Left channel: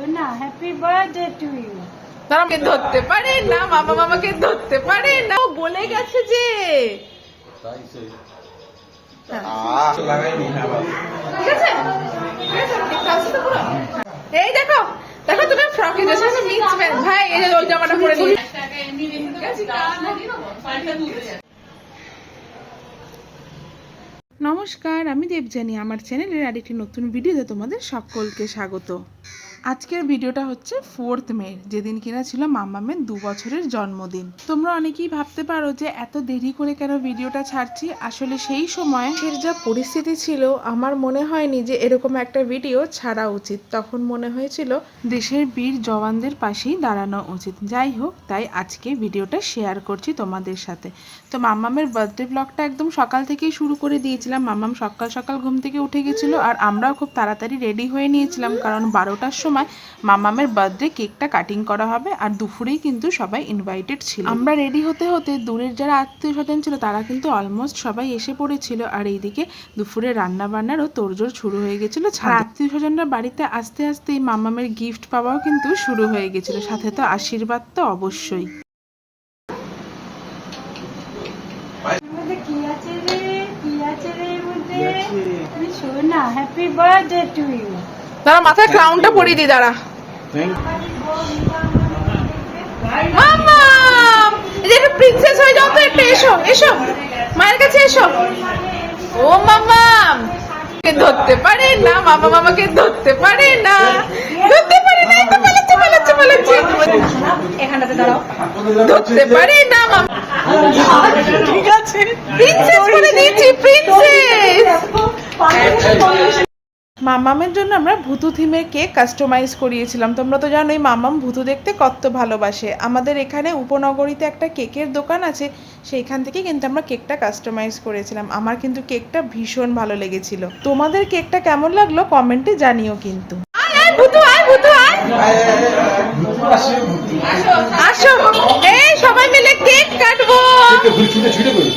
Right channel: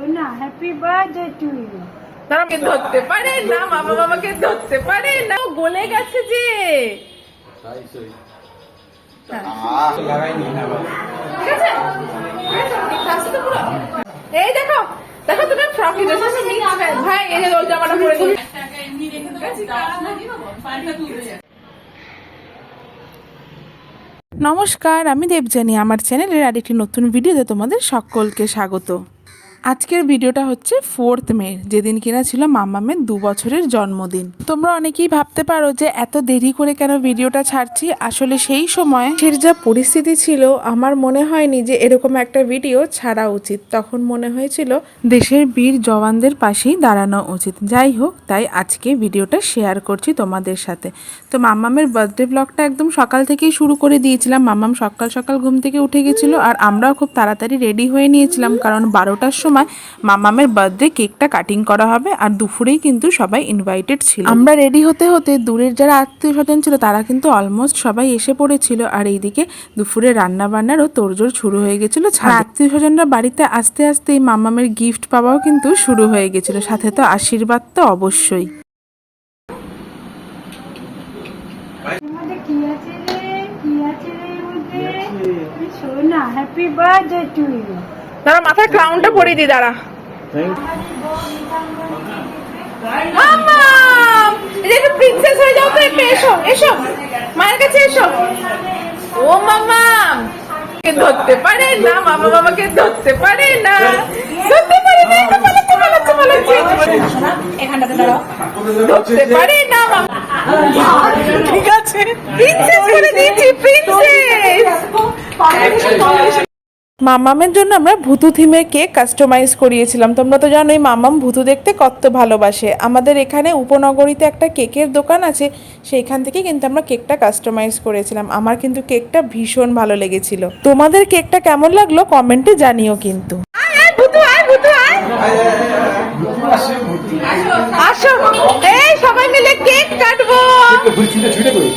সোনা happy birthday to you আমাকে ধরতে পারে না মামা মামাকে ধরতে পারে না ও গলে গেছে যে হ্যাঁ। একটু বলো। এই দেখো দেখো তুমি ফ্রকে ভাই এই ওই জামাটা পরে দিই নমস্কার আমি দেবজানি আমার চ্যানেলের আরেকটি নতুন ভিডিওতে তোমাদের সকলকে স্বাগত আজকের ভিডিওটা হচ্ছে ফোর্থ মে, যেদিন কিনা ছিল মামামের দু বছরের জন্মদিন। তোমরা অনেকেই ভাবতে পারো যে এত দেরি করে কেন ভিডিওটা ছাড়ছি? আসলে সেই সময় সে যা পরিস্থিতি ছিল, আমার মনে হয়নি যে এরকম একটা ভিডিও ছাড়া উচিত। তখন মনে হয়েছিল দেশের বীর জওয়ানদের পাশেই দাঁড়ানো উচিত। যাই হোক, তাই আজকে ভিডিওটা শেয়ার করছি তোমাদের সাথে। তো মাম্মামের বার্থডে ব্লগটা একদম সকাল থেকেই শুরু করে দিয়েছিলাম। মাম্মাম সকাল সকাল ঘুম থেকে উঠে গেছিল আর আমরাও খুব তাড়াতাড়ি রেডি হয়ে নিয়েছিলাম কারণ বারোটার সময় মাম্মামের বার্থডে কেকটা কাটিং করা হবে আর দুপুরেই কিন্তু সবাই ইনভাইটেড ছিল। আমরা রেডি হতে হতে দূরের যারা আত্মীয় স্বজন ছিল তারা কিন্তু অলমোস্ট সবাই এসে পড়েছিল। আর এইদিকে দুপুরে রান্না বান্নারও তোড়জোড় শুরু হয়ে গেছিল। আত্মীয় স্বজনরা বাড়িতে আস্তে আসতেই মামামের গিফট পাওয়াও কিন্তু শুরু হয়ে গেছিল। সাথে তো আশীর্বাদ তো অবশ্যই। কি আছে রে? কি আছে রে মধ্যে সোনা হ্যাপি বার্থডে টু ইউ দাঁড়া মাথায় ক্রাউনটা পরিয়ে দি দাঁড়া। মামা প্রিন্সেস হয়ে যাও তো একটু এসো এসো। মায়ের কাছে এসো। ও মামা কে ধরতে পারে না? মামা মামাকে ধরতে পারে না? ধরতে পারে না তো পালাচ্ছে পালাচ্ছে পালাচ্ছে। ধরতে পারে না মামা ঠিক আছে। প্রিন্সেস করে দিয়েছি প্রিন্সেস মামামের জন্য আমরা ভুতু থিমের কেক কাস্টমাইজ করিয়েছিলাম। তোমরা তো জানো এই মামাম ভুতু দেখতে কত ভালোবাসে। আমাদের এখানে উপনগরীতে একটা কেকের দোকান আছে সেইখান থেকে কিন্তু আমরা কেকটা কাস্টমাইজ করেছিলাম। আমার কিন্তু কেকটা ভীষণ ভালো লেগেছিল। তোমাদের কেকটা কেমন লাগল কমেন্টে জানিও কিন্তু। আয় আয় ভুতু আয় ভুতু আয়। আসো। এই সবাই মিলে কেক কাটবো।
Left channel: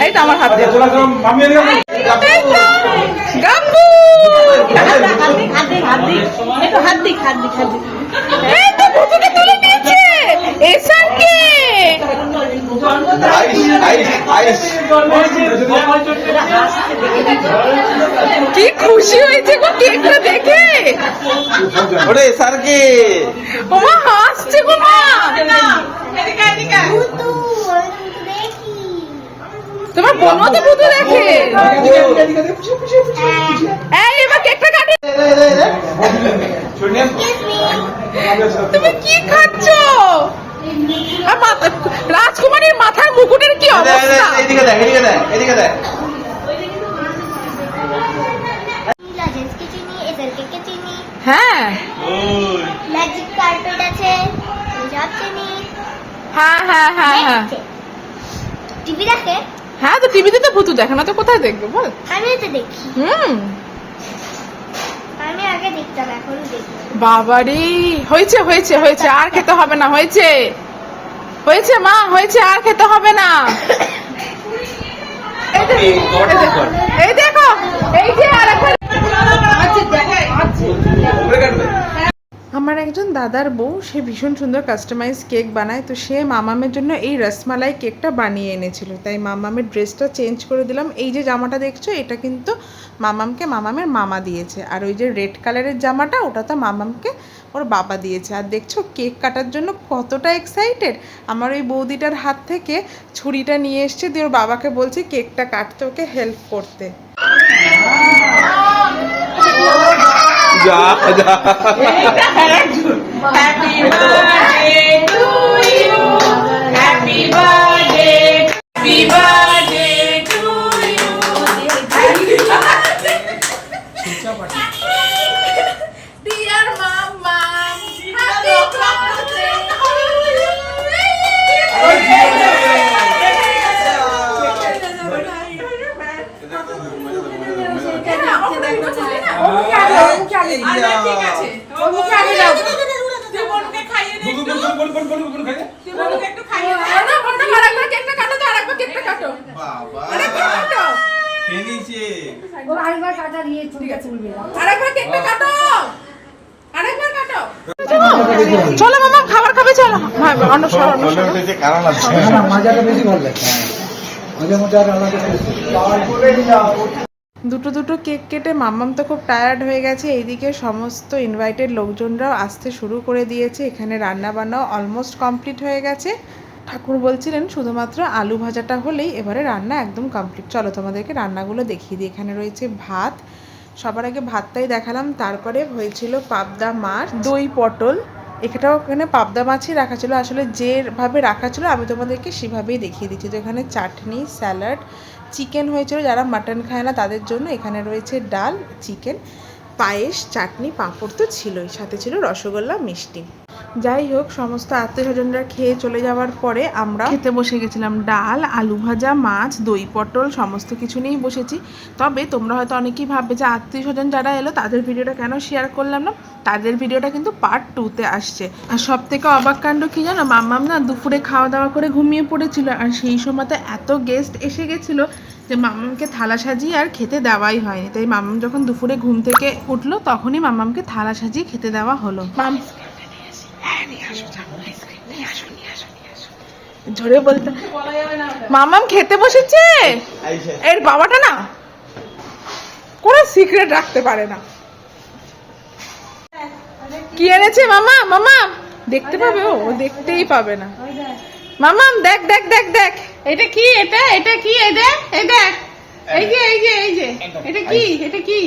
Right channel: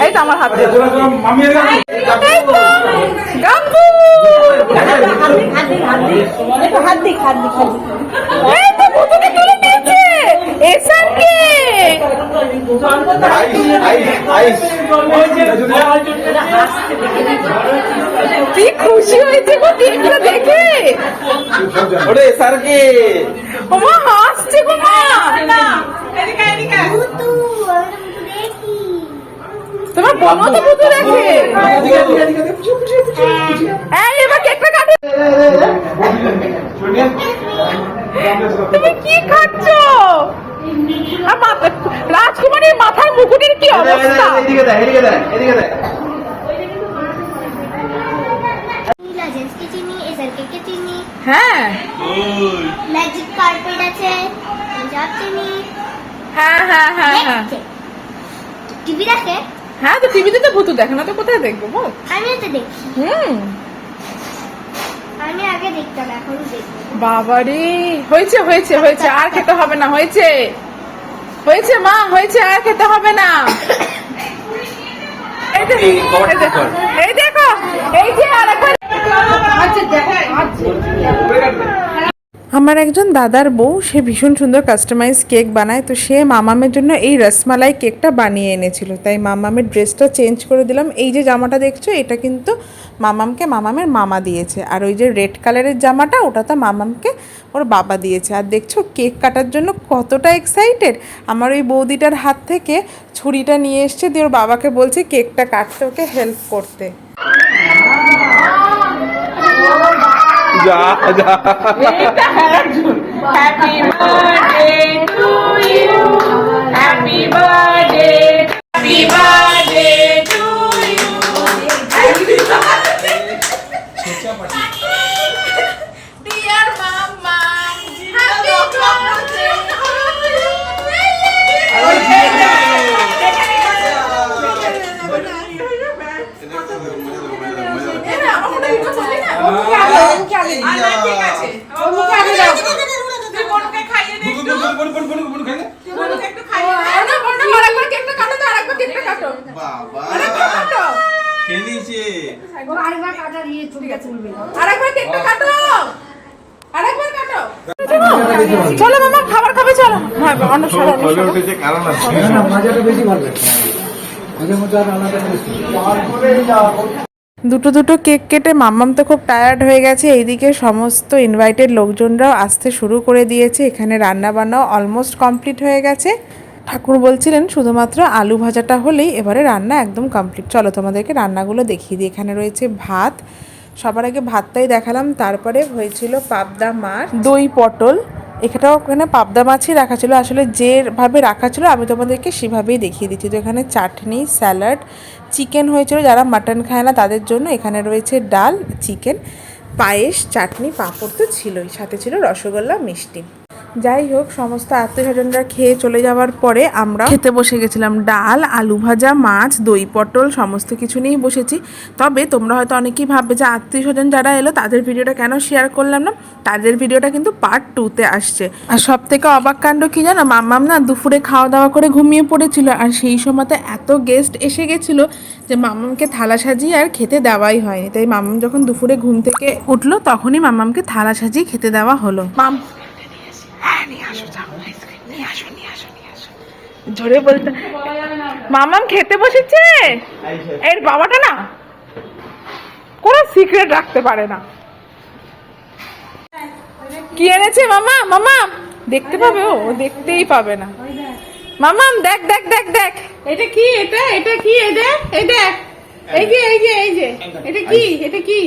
এই তো আমার হাতে। কে কি খুশি হয়েছে গো কেকটা দেখে? ওরে স্যারকে ওমা হাসছে গো মা। বোনও তো ভুতু দেখে এই এবার কেকটা কাটে তুমি কি খাচ্ছ রাজকুমারীর মাথার মুকুটের কি অবস্থা এদিকে দেখ এদিকে দেখ এদিকে দেখ নীলা চিনি এসারকে কে চিনি হ্যাঁ। ম্যাজিক কার্পেট আছে সব চিনি হ্যাঁ হ্যাঁ হ্যাঁ হ্যাঁ। টিভি দেখে? হ্যাঁ তো টিভিতে তো ভূত দেখে না তো কোথায় দেখব বল? আমি তো দেখি। হুম। আমি আগে দেখতাম এখন দেখি বাবারে হয়েছে হয়েছে হয়েছে আর খেতে হবে না হয়েছে। হয়েছে মা হয়েছে আর খেতে হবে না। এই দেখো এই দেখো এই দেখো এই যে আরেকবার আমার একজন দাদার বউ, সে ভীষণ সুন্দর কাস্টমাইজ কেক বানায়, তো সে মামামের জন্য এই রসমালাই কেকটা বানিয়ে এনেছিল। তাই মামামের ড্রেসটা চেঞ্জ করে দিলাম। এই যে জামাটা দেখছ, এটা কিন্তু মামামকে মামামের মামা দিয়েছে। আর ওই যে রেড কালারের জামাটা ওটা তো মামামকে ওর বাবা দিয়েছে। আর দেখছ কেক কাটার জন্য কতটা এক্সাইটেড আমার ওই বৌদিটার হাত থেকে ছুরিটা নিয়ে এসছে দিয়ে ওর বাবাকে বলছে কেকটা কাটতে, ওকে হেল্প করতে। ja, ja. Happy birthday to you. Happy birthday. বাবা। খেয়ে নিয়েছে আরেকবার কেকটা কাটো আরেকবার কাটো। চলো মামা খাবার খাবে চলো। অন্য সরো অন্য সরো। মাজাটা বেশি ভালো লাগে করে দুটো দুটো কেক কেটে মাম্মাম তো খুব টায়ার্ড হয়ে গেছে। এইদিকে সমস্ত ইনভাইটেড লোকজনরাও আসতে শুরু করে দিয়েছে। এখানে রান্না বান্নাও অলমোস্ট কমপ্লিট হয়ে গেছে। ঠাকুর বলছিলেন শুধুমাত্র আলু ভাজাটা হলেই এবারে রান্না একদম কমপ্লিট চলো তোমাদেরকে রান্নাগুলো দেখিয়ে দিই। এখানে রয়েছে ভাত। সবার আগে ভাতটাই দেখালাম। তারপরে হয়েছিল পাবদা মাছ, দই পটল। এখানেও ওখানে পাবদা মাছই রাখা ছিল। আসলে যেভাবে রাখা ছিল, আমি তোমাদেরকে সেভাবেই দেখিয়ে দিচ্ছি। তো এখানে চাটনি, স্যালাড চিকেন হয়েছিল, যারা মাটন খায় না তাদের জন্য এখানে রয়েছে ডাল, চিকেন, পায়েস, চাটনি, পাঁপড় তো ছিলই। সাথে ছিল রসগোল্লা, মিষ্টি। যাই হোক সমস্ত আত্মীয় স্বজনরা খেয়ে চলে যাওয়ার পরে আমরা খেতে বসে গেছিলাম। ডাল, আলু ভাজা, মাছ, দই, পটল, সমস্ত কিছু নিয়েই বসেছি। তবে তোমরা হয়তো অনেকেই ভাববে যে আত্মীয় স্বজন যারা এলো, তাদের ভিডিওটা কেন শেয়ার করলাম না? তাদের ভিডিওটা কিন্তু পার্ট টুতে আসছে। আর সব থেকে অবাক কাণ্ড কি জানো? মাম্মাম না দুপুরে খাওয়া দাওয়া করে ঘুমিয়ে পড়েছিল। আর সেই সময় তো এত গেস্ট এসে গেছিল যে মাম্মামকে থালা সাজিয়ে আর খেতে দেওয়াই হয়নি। তাই মাম্মাম যখন দুপুরে ঘুম থেকে উঠল, তখনই মাম্মামকে থালা সাজিয়ে খেতে দেওয়া হলো। মাম জোরে বলতে মামাম খেতে বসেছে? এর বাবাটা না কোনো সিক্রেট রাখতে পারে না। কি এনেছে মামা? মামা দেখতে পাবে ও দেখতেই পাবে না। মামাম দেখ দেখ দেখ দেখ। এটা কি এটা? এটা কি? দেখ এই দেখ। এই যে এই যে এই যে। এটা কি? এটা কি?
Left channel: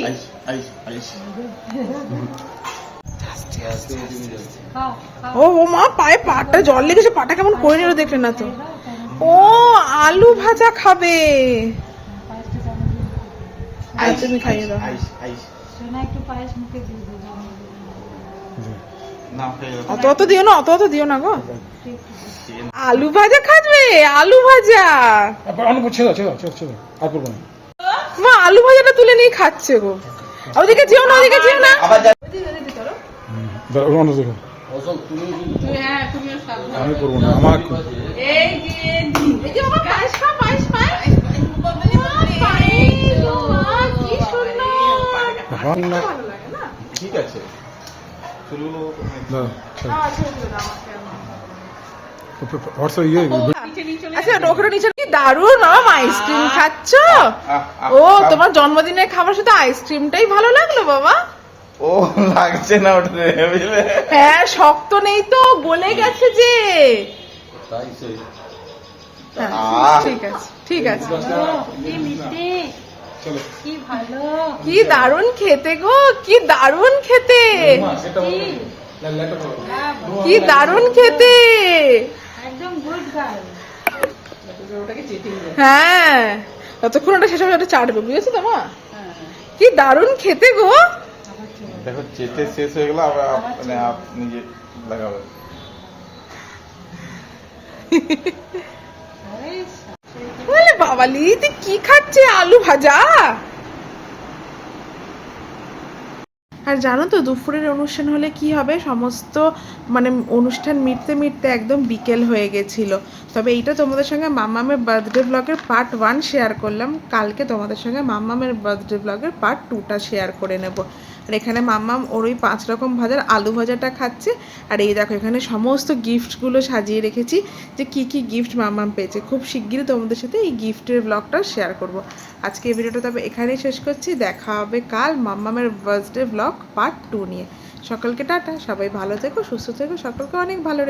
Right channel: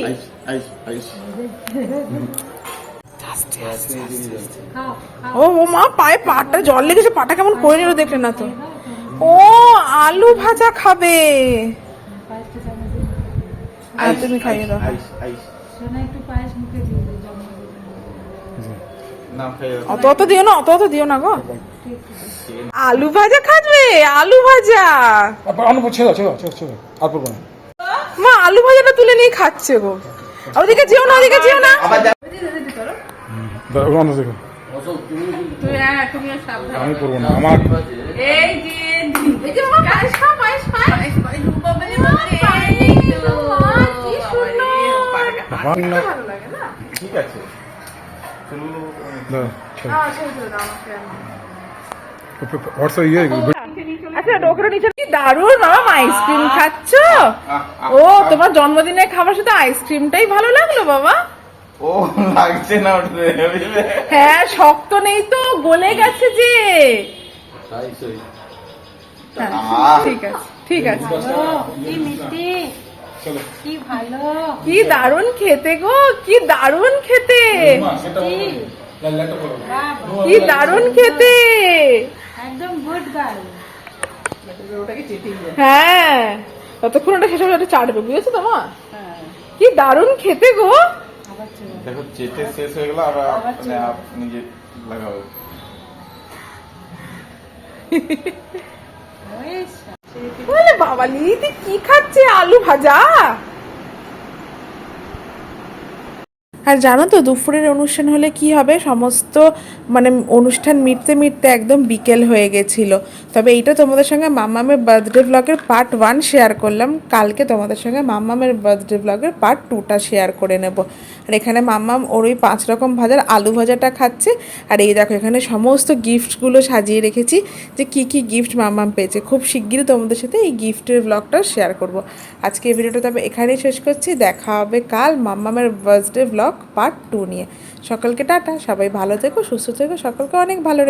ও ও মা পায়ে পাটা জল লেগেছে পাটা কেমন করে নিল দেখলে না তো। ও আলু ভাজা খাবে। আর তুমি খাইয়ে দাও। অত অত দিও না অত অত দিও না গো। আলু ভাজা খাবে আলু ভাজা। মা আলু ভাজাটা তুলে নিয়ে খাচ্ছে গো। ওদিকে যেও না ওদিকে যেও না। অন্য দেখো আমি করব না আমার। ঠিক আছে। হ্যাঁ ইয়ে আচ্ছা নিচে কি দারুণ মামা আইসক্রিম খাচ্ছ? ও তোমার জন্মদিনের খাবার শুধু আইসক্রিমটাই ভালো লাগল বাবা? ও লাগছে না হ্যাঁ শক্ত নেই তো গলে গেছে যে। তাই হ্যাঁ, ঠিক আছে ঠিক আছে। কি মিষ্টি? কি ভালো? কি দারুণ খেতে গো কি দারুণ খেতে। কি? দারুণ খেতে। একদম গুড হ্যাঁ ততক্ষণ ওটা শেষ হবে ওটা চাটবে বুঝেছ তো মা? কি দারুণ খেতে গো। দেখো চেটে শেষ হয়ে গেল আবার মানে আপ নিজে লাগাবে। বলে বাবালি তুই কি খাচ্ছে আলু ভাজা? আর জানো তো দুপুরের অনুষ্ঠান হলে কি হবে? সমস্ত মানে অনুষ্ঠান মিটতে মিটতে একদম বিকেল হয়ে গেছিল। তবে এইটা তোমাদের সঙ্গে মাম্মামের বার্থডে ব্লগের পার্ট ওয়ান শেয়ার করলাম। কালকে তোমাদের সঙ্গে মাম্মামের বার্থডে ব্লগের পার্ট টুটা শেয়ার করে নেব। আর এখানে মাম্মাম ওর ওই পাঁচ রকম ভাজার আলু ভাজাটা খাচ্ছে। আর এই দেখো, এখানে সমস্ত গিফটগুলো সাজিয়ে রেখেছি যে কি কি গিফট মাম্মাম পেয়েছে। খুব শিগগিরই তোমাদের সাথে এই গিফটের ব্লগটা শেয়ার করব। আজকে এই ভিডিওটা তবে এখানেই শেষ করছি। দেখা হবে কাল মাম্মামের বার্থডে ব্লগ পার্ট টু নিয়ে। সকলকে টাটা, সবাই ভালো থেকো, সুস্থ থেকো, সকলকে অনেক ভালো